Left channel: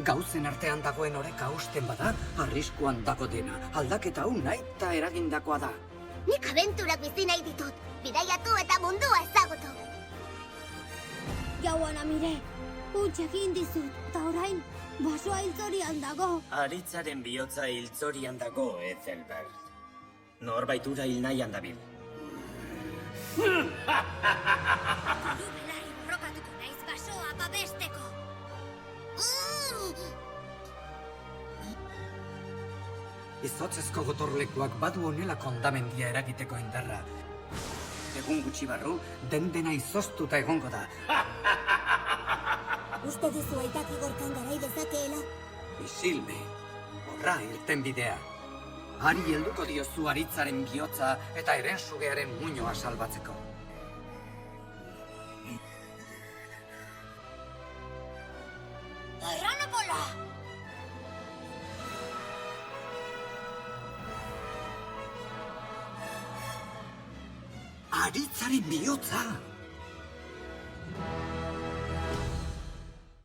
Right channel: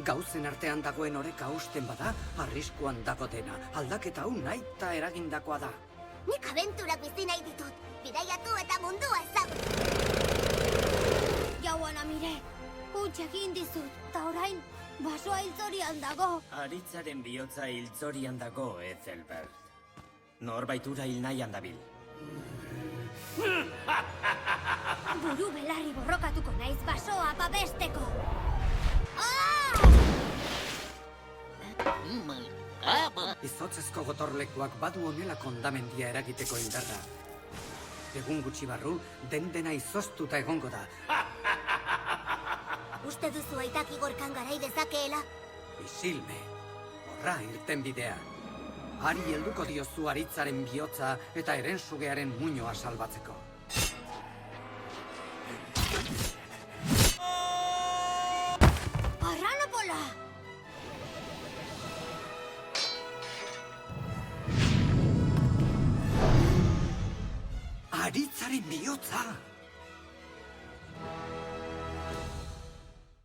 Gauzen artean dagoen oreka hausten bada, arriskuan dago dena. Aldaketa hau nahita eragindakoa da. Nik abenturak bizi nahi ditut. Bidaiatu eta mundua ezagutu. Jauan amire, huts egin dizut, eta orain, basoa hiltzorian dago. Aritzaren bihotza hiltzorian dago, Ethelbert. Norbait ura hil nahian dabil. Buru belarri borrokatuko naiz basoa babesteko. Izotzezko gotorlekuak badu honelako hondamendia eragiteko indarra. Egun gutxi barru, dena izoztuta egongo da. Uste duzu aitak igorkan garai dezakeela? Isilme, horra irten bidea. Hari helduko diozu Aritzaren bihotza eta herensugearen muinoa salbatzeko. Arranopola! Aritzaren bihotza!